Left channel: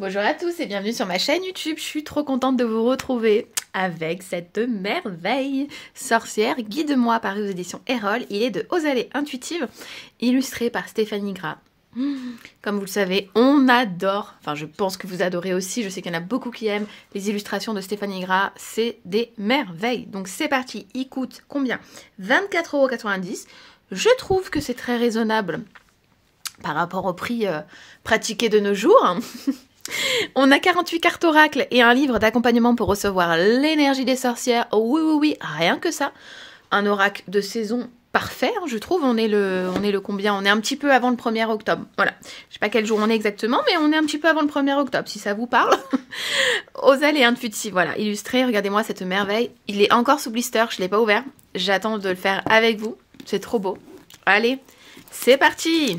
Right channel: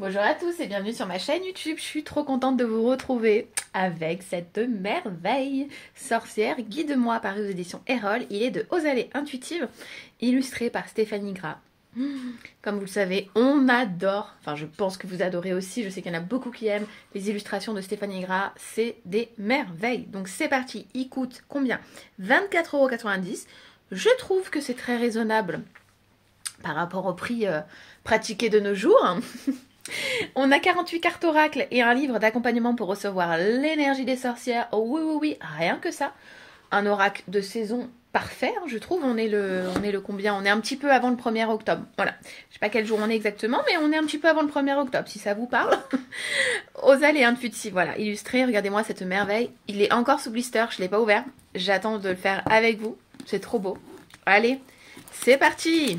Bonjour à tous et bienvenue sur ma chaîne YouTube. Je suis trop contente de vous retrouver avec cette merveille sorcière. Guide-moi paru aux éditions Erol. Il est de Aux-Allées Intuitives, illustré par Stéphanie Gras. Comme vous le savez, on adore, enfin je pense que vous adorez aussi, je sais qu'il y en a beaucoup qui aiment les illustrations de Stéphanie Gras, c'est des merveilles. Donc c'est parti, il coûte combien? 24,90 €. Je trouve que c'est très raisonnable par rapport au prix pratiqué de nos jours. On a 48 cartes oracles et un livre d'accompagnement pour recevoir l'énergie des sorcières. Oui, oui, oui, rien que ça. Un oracle de saison parfait, je trouve. On est le combien? On est un petit peu avant le 1er octobre. Voilà. Je sais pas quel jour on est exactement, mais on est un petit peu avant le 1er octobre, si ça vous parle. Aux-Allées Intuitives, voilà. Illustré, regardez-moi cette merveille. Il est encore sous blister, je l'ai pas ouvert. J'attends de le faire avec vous. C'est trop beau. Allez, c'est parti.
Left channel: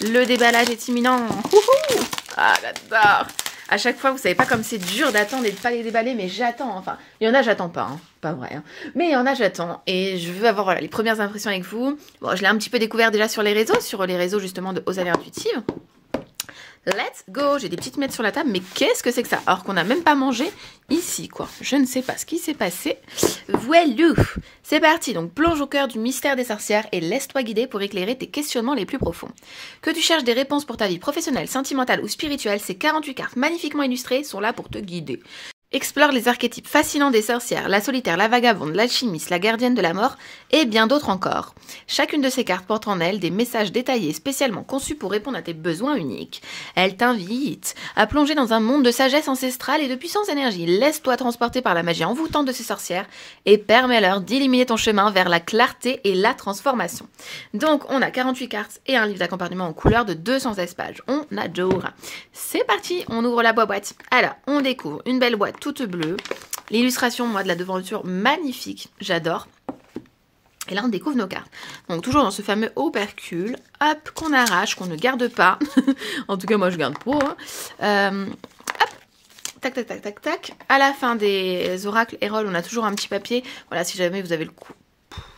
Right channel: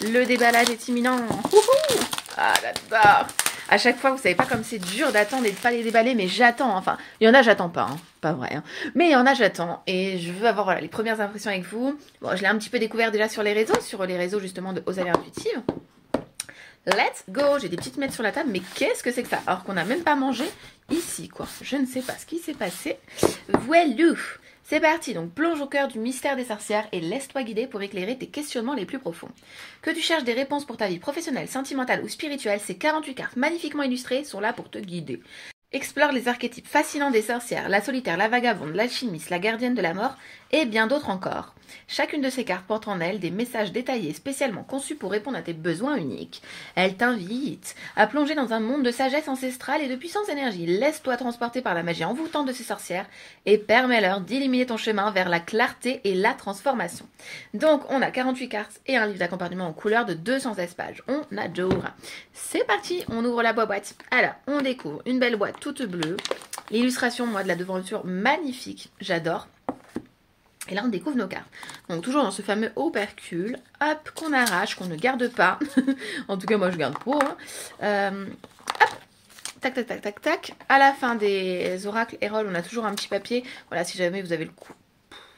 Le déballage est imminent. Wouhou! Ah, j'adore. À chaque fois, vous savez pas comme c'est dur d'attendre et de pas les déballer, mais j'attends. Enfin, il y en a, j'attends pas, hein. Pas vrai. Hein. Mais il y en a, j'attends. Et je veux avoir voilà, les premières impressions avec vous. Bon, je l'ai un petit peu découvert déjà sur les réseaux justement de Aux-Allées Intuitives. Let's go! J'ai des petites miettes sur la table, mais qu'est-ce que c'est que ça? Alors qu'on n'a même pas mangé ici, quoi. Je ne sais pas ce qui s'est passé. Voilou! C'est parti, donc plonge au cœur du mystère des sorcières et laisse-toi guider pour éclairer tes questionnements les plus profonds. Que tu cherches des réponses pour ta vie professionnelle, sentimentale ou spirituelle, ces 48 cartes magnifiquement illustrées sont là pour te guider. Explore les archétypes fascinants des sorcières, la solitaire, la vagabonde, l'alchimiste, la gardienne de la mort et bien d'autres encore. Chacune de ces cartes porte en elle des messages détaillés spécialement conçus pour répondre à tes besoins uniques. Elle t'invite à plonger dans un monde de sagesse ancestrale et de puissance énergie. Laisse-toi transporter par la magie envoûtante de ces sorcières et permets-leur d'illuminer ton chemin vers la clarté et la transformation. Donc on a 48 cartes et un livre d'accompagnement en couleur de 216 pages. On adore. C'est parti, on ouvre la boîte. Alors, on découvre une belle boîte toute bleue. L'illustration, moi, de la devanture, magnifique. J'adore. Et là, on découvre nos cartes. Donc, toujours dans ce fameux opercule. Hop, qu'on arrache, qu'on ne garde pas. En tout cas, moi, je garde pas. Hein. Hop. Tac, tac, tac, tac, tac. À la fin des oracles Erol, on a toujours un petit papier. Voilà, si jamais vous avez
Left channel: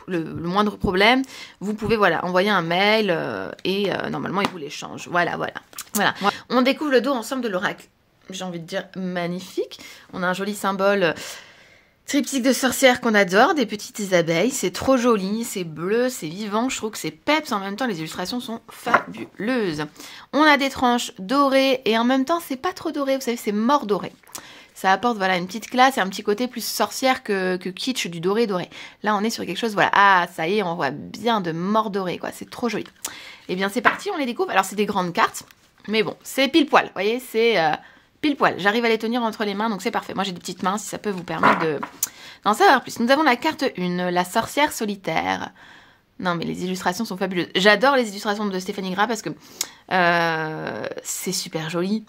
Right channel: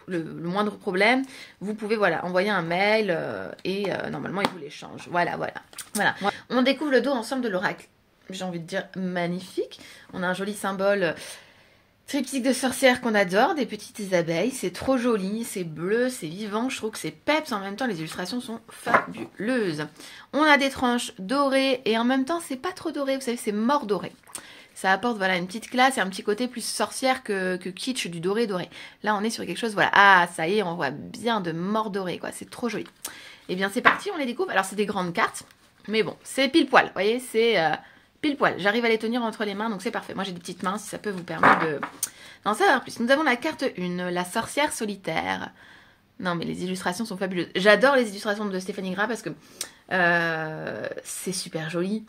le moindre problème, vous pouvez voilà, envoyer un mail et normalement, il vous l'échange. Voilà. On découvre le dos ensemble de l'oracle. J'ai envie de dire magnifique. On a un joli symbole triptyque de sorcières qu'on adore, des petites abeilles. C'est trop joli, c'est bleu, c'est vivant. Je trouve que c'est peps. En même temps, les illustrations sont fabuleuses. On a des tranches dorées et en même temps, c'est pas trop doré. Vous savez, c'est mort doré. Ça apporte voilà une petite classe et un petit côté plus sorcière que kitsch du doré. Là, on est sur quelque chose, voilà. Ah, ça y est, on voit bien de mort doré, quoi. C'est trop joli. Eh bien, c'est parti, on les découvre. Alors, c'est des grandes cartes, mais bon, c'est pile poil. Vous voyez, c'est pile poil. J'arrive à les tenir entre les mains, donc c'est parfait. Moi, j'ai des petites mains, si ça peut vous permettre d'en savoir plus. Nous avons la carte 1, la sorcière solitaire. Non, mais les illustrations sont fabuleuses. J'adore les illustrations de Stéphanie Gras parce que c'est super joli.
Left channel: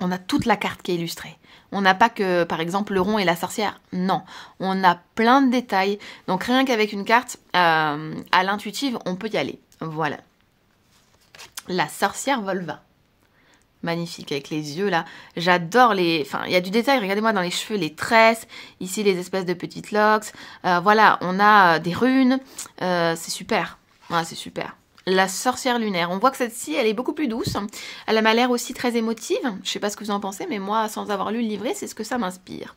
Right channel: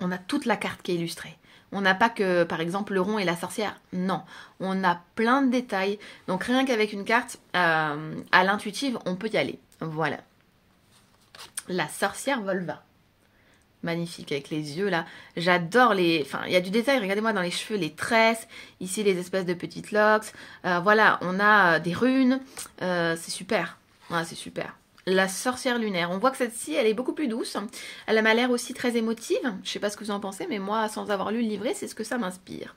On a toute la carte qui est illustrée. On n'a pas que, par exemple, le rond et la sorcière. Non, on a plein de détails. Donc, rien qu'avec une carte à l'intuitive, on peut y aller. Voilà. La sorcière Volva. Magnifique avec les yeux là. J'adore les... Enfin, il y a du détail. Regardez-moi dans les cheveux, les tresses. Ici, les espèces de petites locks. Voilà, on a des runes. C'est super. Ouais, c'est super. La sorcière lunaire. On voit que celle-ci, elle est beaucoup plus douce. Elle m'a l'air aussi très émotive. Je sais pas ce que vous en pensez, mais moi, sans avoir lu le livret, c'est ce que ça m'inspire.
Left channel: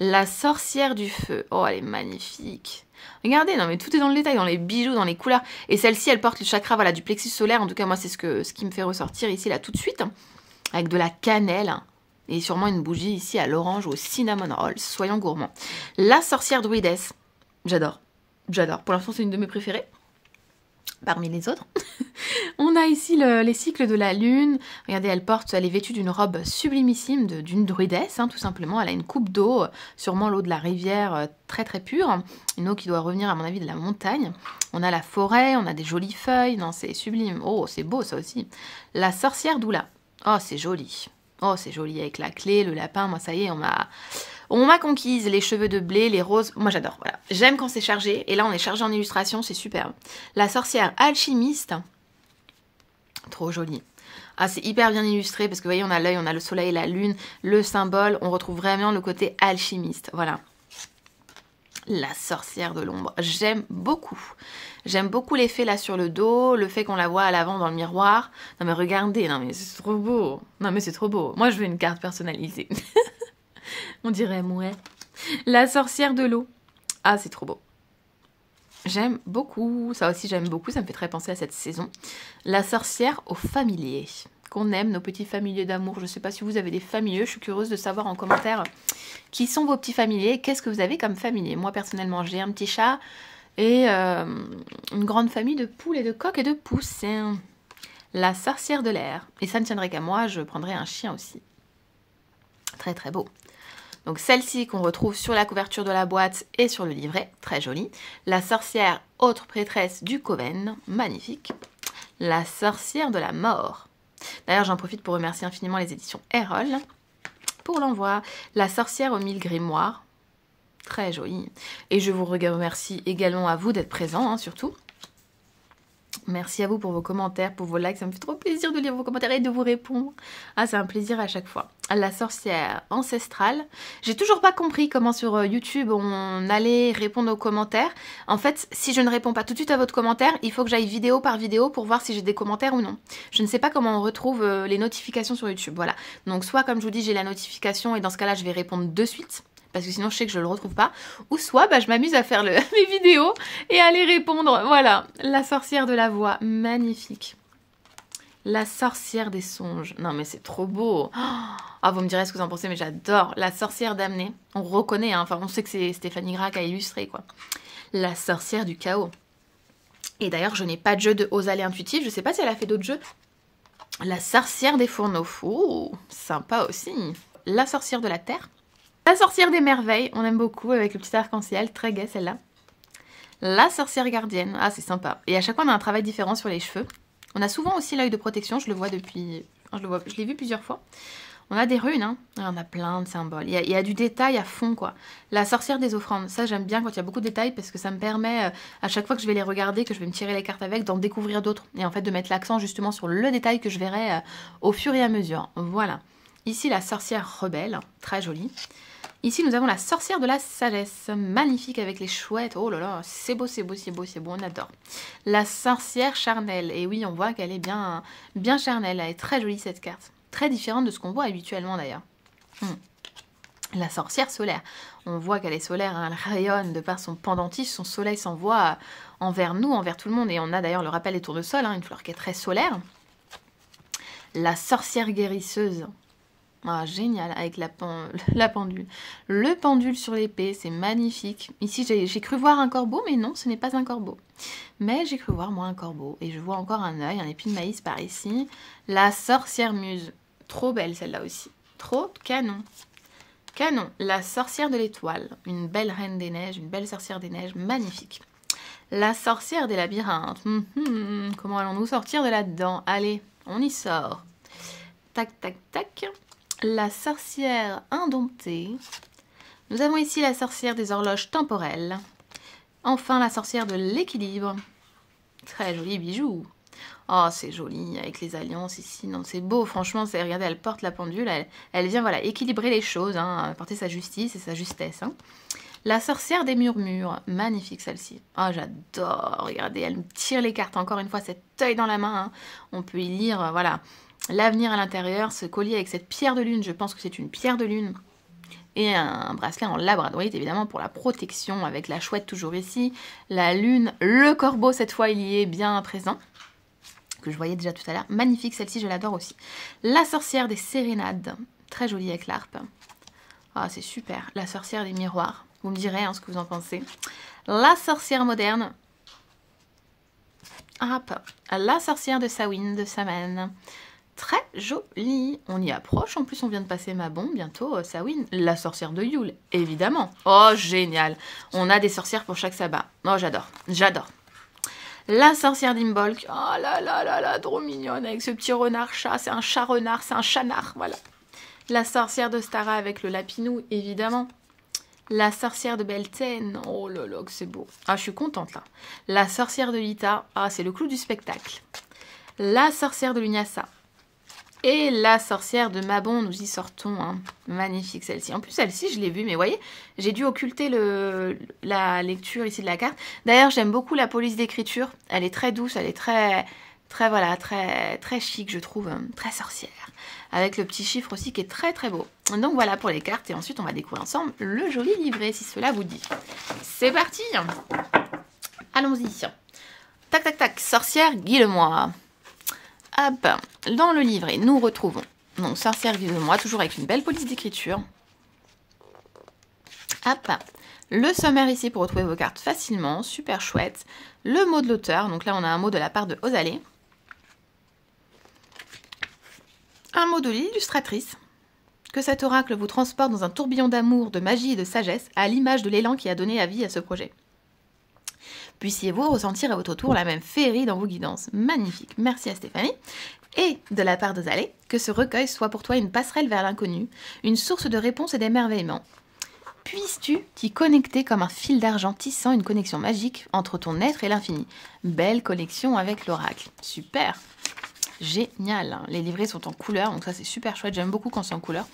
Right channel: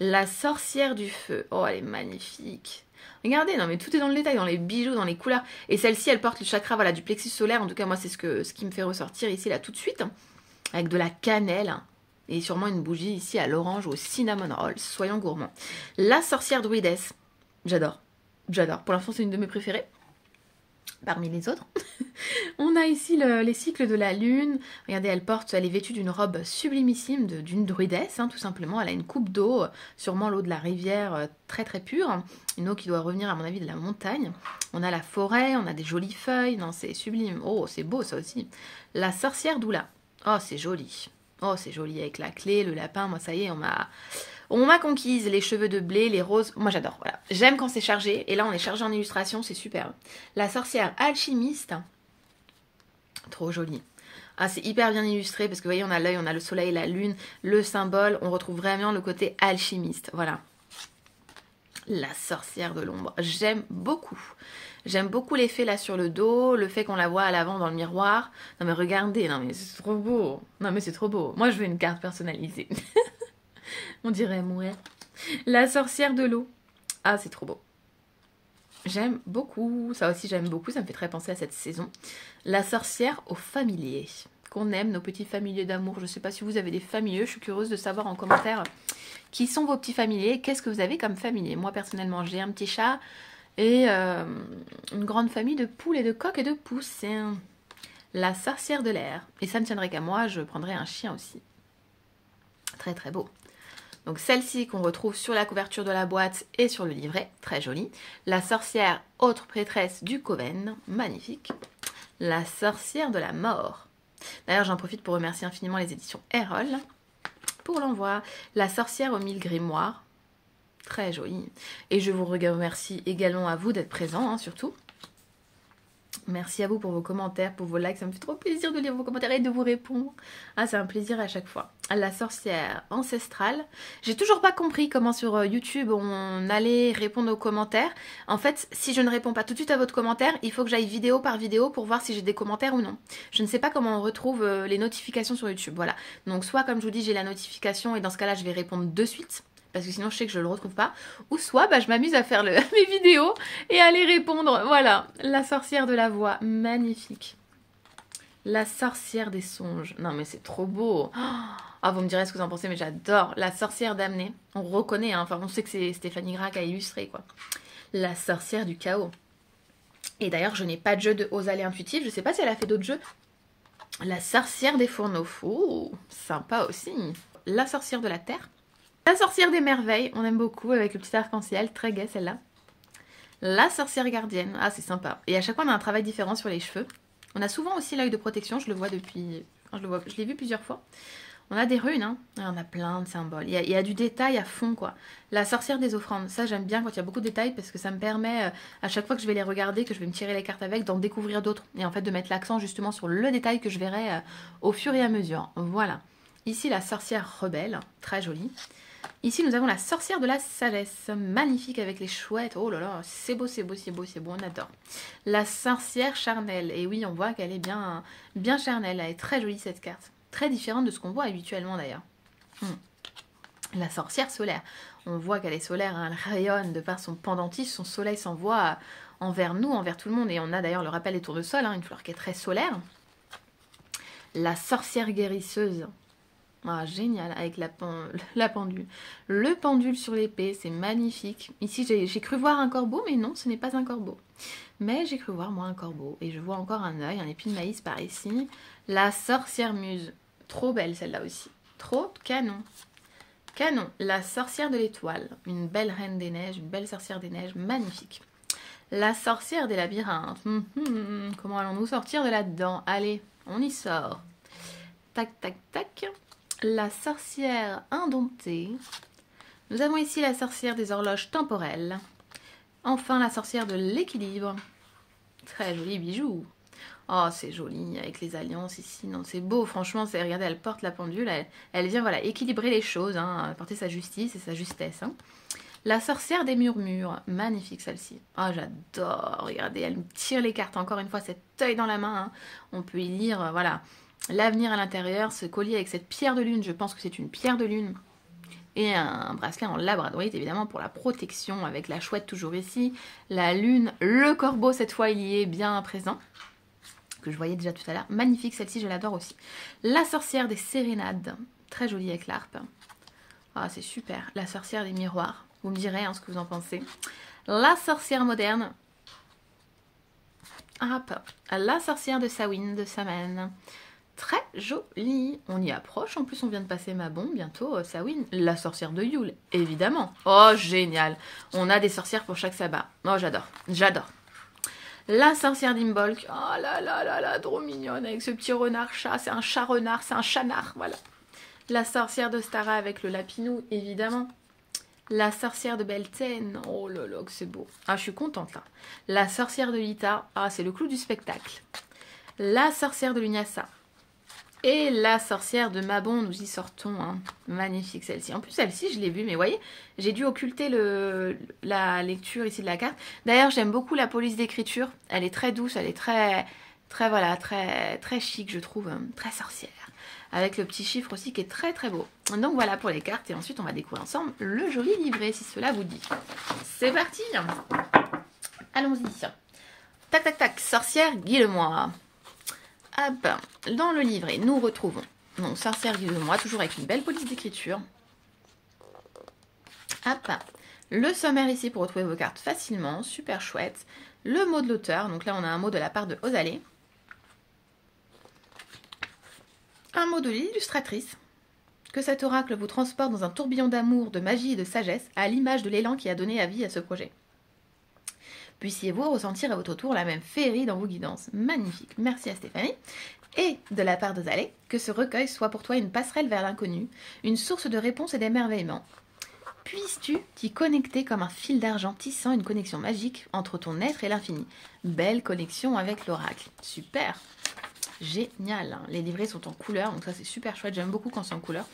La sorcière du feu. Oh, elle est magnifique. Regardez, non mais tout est dans le détail, dans les bijoux, dans les couleurs. Et celle-ci, elle porte le chakra voilà, du plexus solaire. En tout cas, moi, c'est ce qui me fait ressortir ici, là, tout de suite. Avec de la cannelle. Et sûrement une bougie ici à l'orange ou au cinnamon roll. Soyons gourmands. La sorcière druidesse. J'adore. J'adore. Pour l'instant, c'est une de mes préférées. Parmi les autres. On a ici les cycles de la lune. Regardez, elle est vêtue d'une robe sublimissime d'une druidesse, hein, tout simplement. Elle a une coupe d'eau, sûrement l'eau de la rivière, très très pure. Une eau qui doit revenir, à mon avis, de la montagne. On a la forêt, on a des jolies feuilles. Non, c'est sublime. Oh, c'est beau ça aussi. La sorcière d'Oula. Oh, c'est joli. Oh, c'est joli avec la clé, le lapin. Moi, ça y est, on m'a conquise. Les cheveux de blé, les roses. Moi, j'adore. Voilà. J'aime quand c'est chargé. Et là, on est chargé en illustration. C'est superbe. La sorcière alchimiste. Trop joli. Ah, c'est hyper bien illustré parce que vous voyez, on a l'œil, on a le soleil, la lune, le symbole. On retrouve vraiment le côté alchimiste. Voilà. La sorcière de l'ombre, j'aime beaucoup. J'aime beaucoup l'effet là sur le dos, le fait qu'on la voit à l'avant dans le miroir. Non mais regardez, non mais c'est trop beau. Non mais c'est trop beau. Moi je veux une carte personnalisée. On dirait moi. La sorcière de l'eau. Ah c'est trop beau. J'aime beaucoup. Ça aussi j'aime beaucoup, ça me fait très penser à cette saison. La sorcière aux familiers. Qu'on aime, nos petits familiers d'amour. Je ne sais pas si vous avez des familiers, je suis curieuse de savoir en commentaire qui sont vos petits familiers, qu'est-ce que vous avez comme familier. Moi personnellement j'ai un petit chat et une grande famille de poules et de coqs et de poussins. La sorcière de l'air. Et ça ne tiendrait qu'à moi, je prendrais un chien aussi. Très très beau. Donc celle-ci qu'on retrouve sur la couverture de la boîte et sur le livret, très jolie. La sorcière autre prêtresse du Coven, magnifique. La sorcière de la mort. D'ailleurs j'en profite pour remercier infiniment les éditions Erol pour l'envoi. La sorcière aux 1000 grimoires, très jolie. Et je vous remercie également à vous d'être présents, hein, surtout. Merci à vous pour vos commentaires, pour vos likes, ça me fait trop plaisir de lire vos commentaires et de vous répondre. Ah, c'est un plaisir à chaque fois. La sorcière ancestrale. J'ai toujours pas compris comment sur YouTube on allait répondre aux commentaires. En fait, si je ne réponds pas tout de suite à votre commentaire, il faut que j'aille vidéo par vidéo pour voir si j'ai des commentaires ou non. Je ne sais pas comment on retrouve les notifications sur YouTube, voilà. Donc soit comme je vous dis, j'ai la notification et dans ce cas-là, je vais répondre de suite. Parce que sinon je sais que je ne le retrouve pas. Ou soit bah, je m'amuse à faire mes vidéos et à les répondre. Voilà, la sorcière de la voix, magnifique. La sorcière des songes. Non mais c'est trop beau. Ah, vous me direz ce que vous en pensez, mais j'adore. La sorcière damnée. On reconnaît, hein. Enfin on sait que c'est Stéphanie Gras qui a illustré, quoi. La sorcière du chaos. Et d'ailleurs je n'ai pas de jeu de Osalée intuitive. Je ne sais pas si elle a fait d'autres jeux. La sorcière des fourneaux. Oh, sympa aussi. La sorcière de la terre. La sorcière des merveilles, on aime beaucoup avec le petit arc-en-ciel, très gai celle-là. La sorcière gardienne, ah c'est sympa. Et à chaque fois on a un travail différent sur les cheveux. On a souvent aussi l'œil de protection, je le vois depuis... je l'ai vu plusieurs fois. On a des runes, hein. On a plein de symboles. Il y a du détail à fond, quoi. La sorcière des offrandes, ça j'aime bien quand il y a beaucoup de détails parce que ça me permet, à chaque fois que je vais les regarder, que je vais me tirer les cartes avec, d'en découvrir d'autres. Et en fait de mettre l'accent justement sur le détail que je verrai au fur et à mesure. Voilà. Ici la sorcière rebelle, très jolie. Ici, nous avons la sorcière de la sagesse, magnifique avec les chouettes. Oh là là, c'est beau, c'est beau, c'est beau, c'est beau, on adore. La sorcière charnelle. Et oui, on voit qu'elle est bien, bien charnelle. Elle est très jolie, cette carte. Très différente de ce qu'on voit habituellement, d'ailleurs. La sorcière solaire. On voit qu'elle est solaire, hein, elle rayonne de par son pendentif. Son soleil s'envoie envers nous, envers tout le monde. Et on a d'ailleurs le rappel des tournesols, hein, une fleur qui est très solaire. La sorcière guérisseuse. Ah, génial, avec la pendule. Le pendule sur l'épée, c'est magnifique. Ici, j'ai cru voir un corbeau, mais non, ce n'est pas un corbeau. Mais j'ai cru voir, moi, un corbeau. Et je vois encore un œil, un épi de maïs par ici. La sorcière muse. Trop belle, celle-là aussi. Trop canon. Canon. La sorcière de l'étoile. Une belle reine des neiges, une belle sorcière des neiges, magnifique. La sorcière des labyrinthes. Comment allons-nous sortir de là-dedans? Allez, on y sort. Tac, tac, tac. La sorcière indomptée. Nous avons ici la sorcière des horloges temporelles. Enfin, la sorcière de l'équilibre. Très joli bijou. Oh, c'est joli, avec les alliances ici. Non, c'est beau, franchement. Regardez, elle porte la pendule. Elle vient, voilà, équilibrer les choses, hein, porter sa justice et sa justesse. Hein. La sorcière des murmures. Magnifique, celle-ci. Oh, j'adore. Regardez, elle me tire les cartes. Encore une fois, cet œil dans la main. Hein. On peut y lire, voilà... L'avenir à l'intérieur, ce collier avec cette pierre de lune, je pense que c'est une pierre de lune. Et un bracelet en labradorite, évidemment, pour la protection, avec la chouette toujours ici. La lune, le corbeau, cette fois, il y est bien présent. Que je voyais déjà tout à l'heure. Magnifique, celle-ci, je l'adore aussi. La sorcière des sérénades, très jolie avec l'harpe. Ah, c'est super. La sorcière des miroirs, vous me direz hein, ce que vous en pensez. La sorcière moderne. Hop. La sorcière de Samhain, de Samhain. Très jolie. On y approche. En plus, on vient de passer ma bombe. Bientôt, Samhain. La sorcière de Yule, évidemment. Oh, génial. On a des sorcières pour chaque sabbat. Oh, j'adore. J'adore. La sorcière d'Imbolc. Oh là là là là, trop mignonne. Avec ce petit renard-chat. C'est un chat-renard. C'est un chat-nard. Voilà. La sorcière de Stara avec le lapinou, évidemment. La sorcière de Beltane. Oh là là, que c'est beau. Ah, je suis contente, là. La sorcière de Lita. Ah, c'est le clou du spectacle. La sorcière de Lugnassa. Et la sorcière de Mabon, nous y sortons. Hein. Magnifique celle-ci. En plus, celle-ci, je l'ai vue, mais vous voyez, j'ai dû occulter la lecture ici de la carte. D'ailleurs, j'aime beaucoup la police d'écriture. Elle est très douce, elle est voilà, très chic, je trouve. Très sorcière. Avec le petit chiffre aussi qui est très beau. Donc voilà pour les cartes. Et ensuite, on va découvrir ensemble le joli livret, si cela vous dit. C'est parti. Allons-y. Tac, tac, tac. Sorcière, guide-moi. Hop, dans le livret, nous retrouvons donc sorcière guide-moi, toujours avec une belle police d'écriture. Hop, le sommaire ici pour retrouver vos cartes facilement, super chouette. Le mot de l'auteur, donc là on a un mot de la part de Osalé. Un mot de l'illustratrice. Que cet oracle vous transporte dans un tourbillon d'amour, de magie et de sagesse, à l'image de l'élan qui a donné la vie à ce projet. Puissiez-vous ressentir à votre tour la même féerie dans vos guidances. Magnifique, merci à Stéphanie. Et de la part d'Osalé, que ce recueil soit pour toi une passerelle vers l'inconnu, une source de réponses et d'émerveillement. Puisses-tu t'y connecter comme un fil d'argent tissant une connexion magique entre ton être et l'infini. Belle connexion avec l'oracle. Super. Génial. Les livrets sont en couleur, donc ça c'est super chouette. J'aime beaucoup quand c'est en couleur.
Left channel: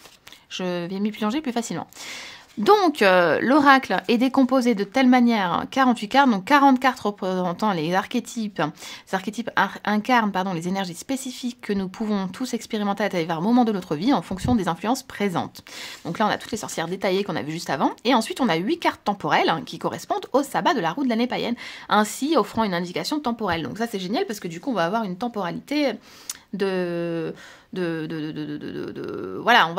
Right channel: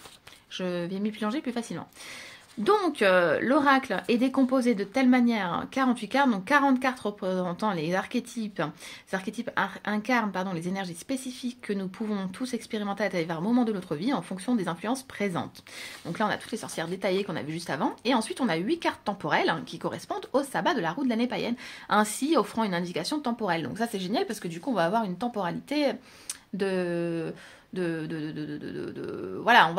Je vais m'y plonger plus facilement. Donc, l'oracle est décomposé de telle manière, 48 cartes, donc 40 cartes représentant les archétypes. Ces archétypes incarnent les énergies spécifiques que nous pouvons tous expérimenter à divers moments de notre vie en fonction des influences présentes. Donc là, on a toutes les sorcières détaillées qu'on a vues juste avant. Et ensuite, on a 8 cartes temporelles qui correspondent au sabbat de la roue de l'année païenne, ainsi offrant une indication temporelle. Donc ça, c'est génial parce que du coup, on va avoir une temporalité voilà,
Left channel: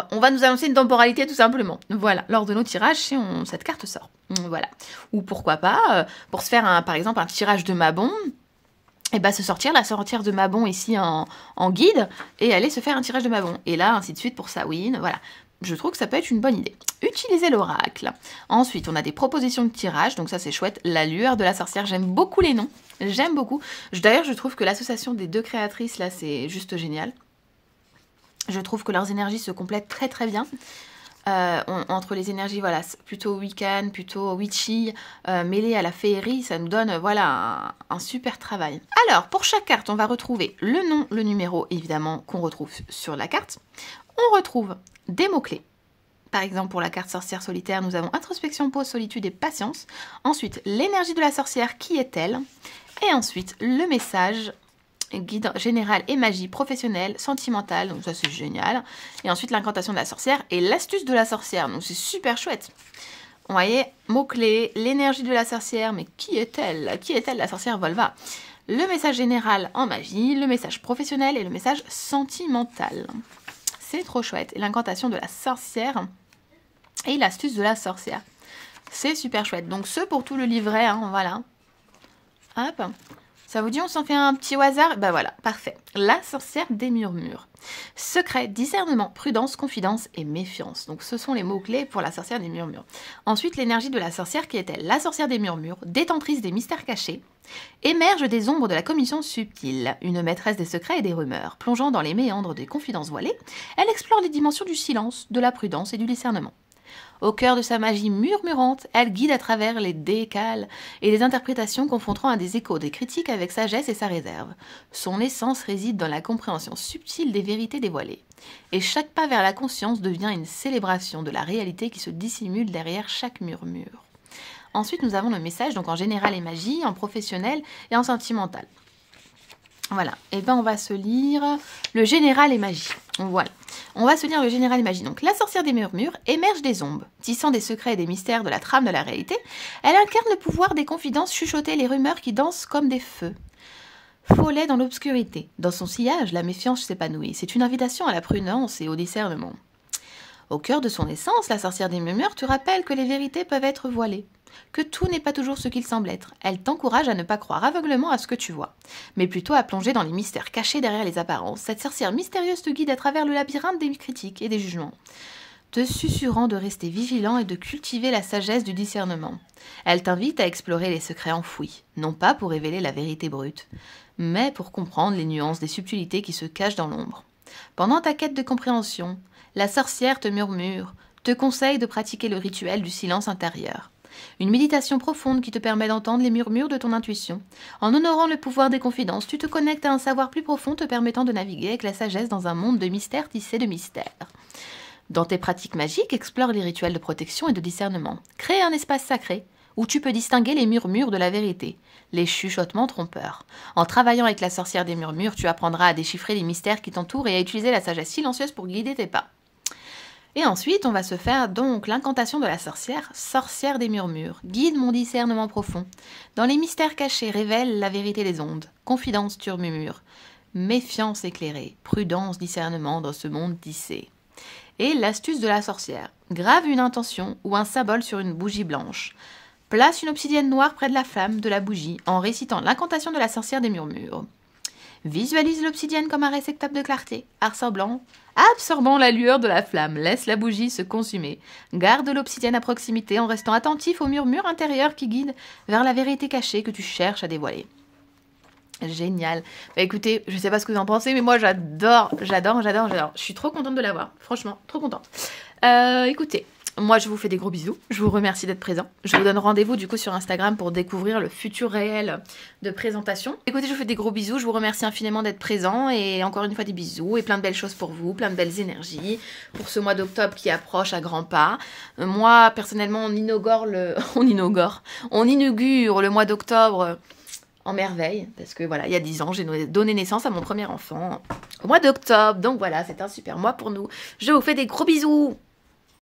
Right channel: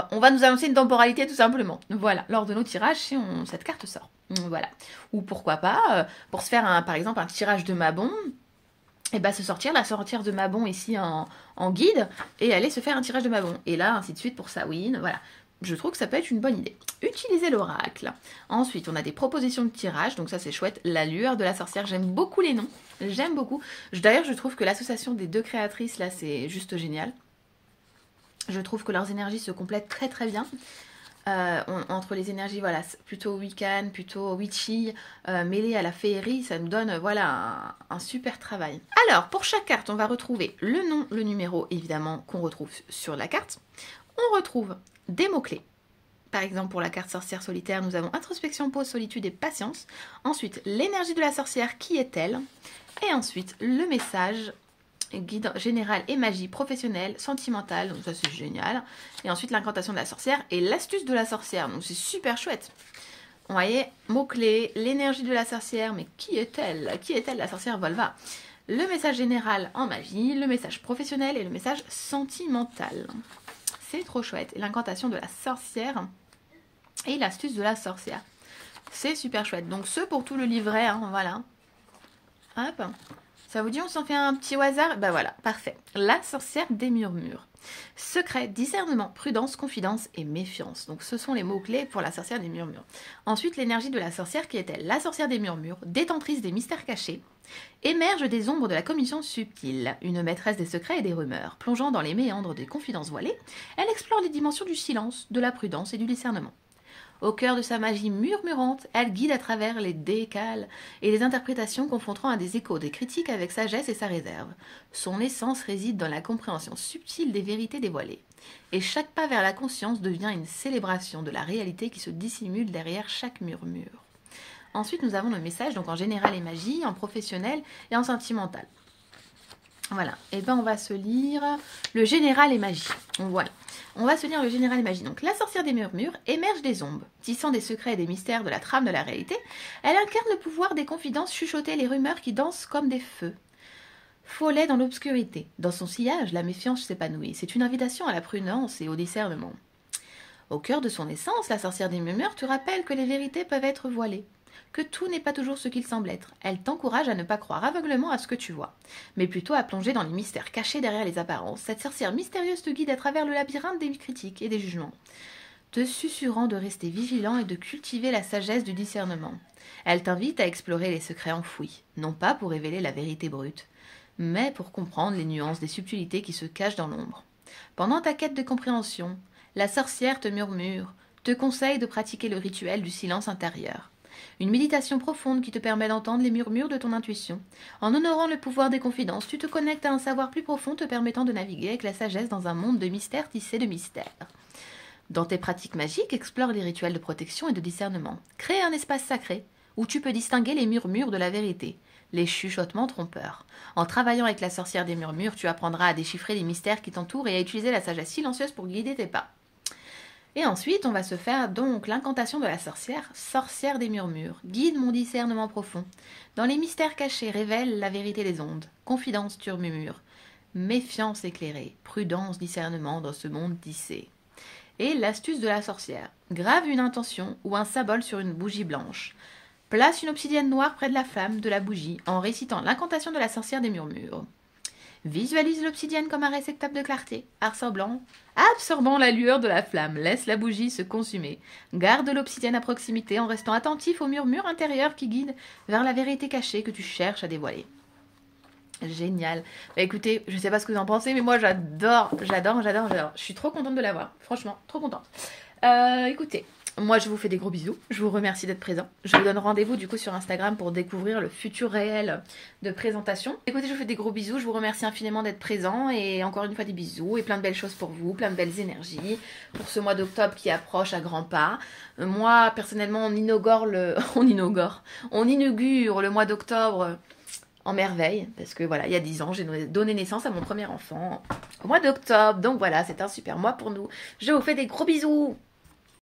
on va nous annoncer une temporalité tout simplement. Voilà, lors de nos tirages, cette carte sort. Voilà. Ou pourquoi pas, pour se faire par exemple un tirage de Mabon, et bah se sortir de Mabon ici en guide et aller se faire un tirage de Mabon. Et là, ainsi de suite pour Samhain, voilà. Je trouve que ça peut être une bonne idée. Utiliser l'oracle. Ensuite, on a des propositions de tirage, donc ça c'est chouette. La lueur de la sorcière, j'aime beaucoup les noms. J'aime beaucoup. D'ailleurs, je trouve que l'association des deux créatrices, là, c'est juste génial. Je trouve que leurs énergies se complètent très bien. Entre les énergies, voilà, plutôt Wiccan, plutôt witchy, mêlées à la féerie, ça nous donne, voilà, un super travail. Alors, pour chaque carte, on va retrouver le nom, le numéro, évidemment, qu'on retrouve sur la carte. On retrouve des mots-clés. Par exemple, pour la carte sorcière solitaire, nous avons introspection, pause, solitude et patience. Ensuite, l'énergie de la sorcière, qui est-elle? Et ensuite, le message guide général et magie professionnelle, sentimentale, donc ça c'est génial. Et ensuite l'incantation de la sorcière et l'astuce de la sorcière, donc c'est super chouette. Vous voyez, mots-clés, l'énergie de la sorcière, mais qui est-elle? Qui est-elle la sorcière Volva? Le message général en magie, le message professionnel et le message sentimental. C'est trop chouette. Et l'incantation de la sorcière et l'astuce de la sorcière. C'est super chouette. Donc ce pour tout le livret, voilà. Hop. Ça vous dit, on s'en fait un petit au hasard? Ben voilà, parfait. La sorcière des murmures. Secret, discernement, prudence, confidence et méfiance. Donc ce sont les mots-clés pour la sorcière des murmures. Ensuite, l'énergie de la sorcière qui est-elle? La sorcière des murmures, détentrice des mystères cachés, émerge des ombres de la commission subtile, une maîtresse des secrets et des rumeurs. Plongeant dans les méandres des confidences voilées, elle explore les dimensions du silence, de la prudence et du discernement. Au cœur de sa magie murmurante, elle guide à travers les décales et les interprétations confrontant à des échos, des critiques avec sagesse et sa réserve. Son essence réside dans la compréhension subtile des vérités dévoilées. Et chaque pas vers la conscience devient une célébration de la réalité qui se dissimule derrière chaque murmure. Ensuite, nous avons le message, donc en général et magie, en professionnel et en sentimental. Voilà, et ben on va se lire le général et magie. Voilà, on va se lire le général et magie. Donc la sorcière des murmures émerge des ombres, tissant des secrets et des mystères de la trame de la réalité. Elle incarne le pouvoir des confidences chuchotées, les rumeurs qui dansent comme des feux. Follet dans l'obscurité. Dans son sillage, la méfiance s'épanouit. C'est une invitation à la prudence et au discernement. Au cœur de son essence, la sorcière des murmures te rappelle que les vérités peuvent être voilées, que tout n'est pas toujours ce qu'il semble être. Elle t'encourage à ne pas croire aveuglément à ce que tu vois, mais plutôt à plonger dans les mystères cachés derrière les apparences. Cette sorcière mystérieuse te guide à travers le labyrinthe des critiques et des jugements, te susurrant de rester vigilant et de cultiver la sagesse du discernement. Elle t'invite à explorer les secrets enfouis, non pas pour révéler la vérité brute, mais pour comprendre les nuances des subtilités qui se cachent dans l'ombre. Pendant ta quête de compréhension, la sorcière te murmure, te conseille de pratiquer le rituel du silence intérieur. Une méditation profonde qui te permet d'entendre les murmures de ton intuition. En honorant le pouvoir des confidences, tu te connectes à un savoir plus profond te permettant de naviguer avec la sagesse dans un monde de mystères tissé de mystères. Dans tes pratiques magiques, explore les rituels de protection et de discernement. Crée un espace sacré où tu peux distinguer les murmures de la vérité, les chuchotements trompeurs. En travaillant avec la sorcière des murmures, tu apprendras à déchiffrer les mystères qui t'entourent et à utiliser la sagesse silencieuse pour guider tes pas. Et ensuite, on va se faire donc l'incantation de la sorcière, sorcière des murmures. Guide mon discernement profond. Dans les mystères cachés, révèle la vérité des ondes. Confidence, tu murmures. Méfiance éclairée. Prudence, discernement dans ce monde tissé. Et l'astuce de la sorcière. Grave une intention ou un symbole sur une bougie blanche. Place une obsidienne noire près de la flamme de la bougie en récitant l'incantation de la sorcière des murmures. Visualise l'obsidienne comme un réceptacle de clarté, absorbant la lueur de la flamme. Laisse la bougie se consumer. Garde l'obsidienne à proximité en restant attentif aux murmures intérieurs qui guident vers la vérité cachée que tu cherches à dévoiler. Génial. Bah écoutez, je sais pas ce que vous en pensez, mais moi j'adore. Je suis trop contente de l'avoir. Franchement, trop contente. Écoutez, moi je vous fais des gros bisous. Je vous remercie d'être présent. Je vous donne rendez-vous du coup sur Instagram pour découvrir le futur réel de présentation. Écoutez, je vous fais des gros bisous. Je vous remercie infiniment d'être présent. Et encore une fois des bisous et plein de belles choses pour vous, plein de belles énergies pour ce mois d'octobre qui approche à grands pas. Moi personnellement, on inaugure le mois d'octobre en merveille, parce que voilà, il y a 10 ans, j'ai donné naissance à mon premier enfant au mois d'octobre. Donc voilà, c'est un super mois pour nous. Je vous fais des gros bisous.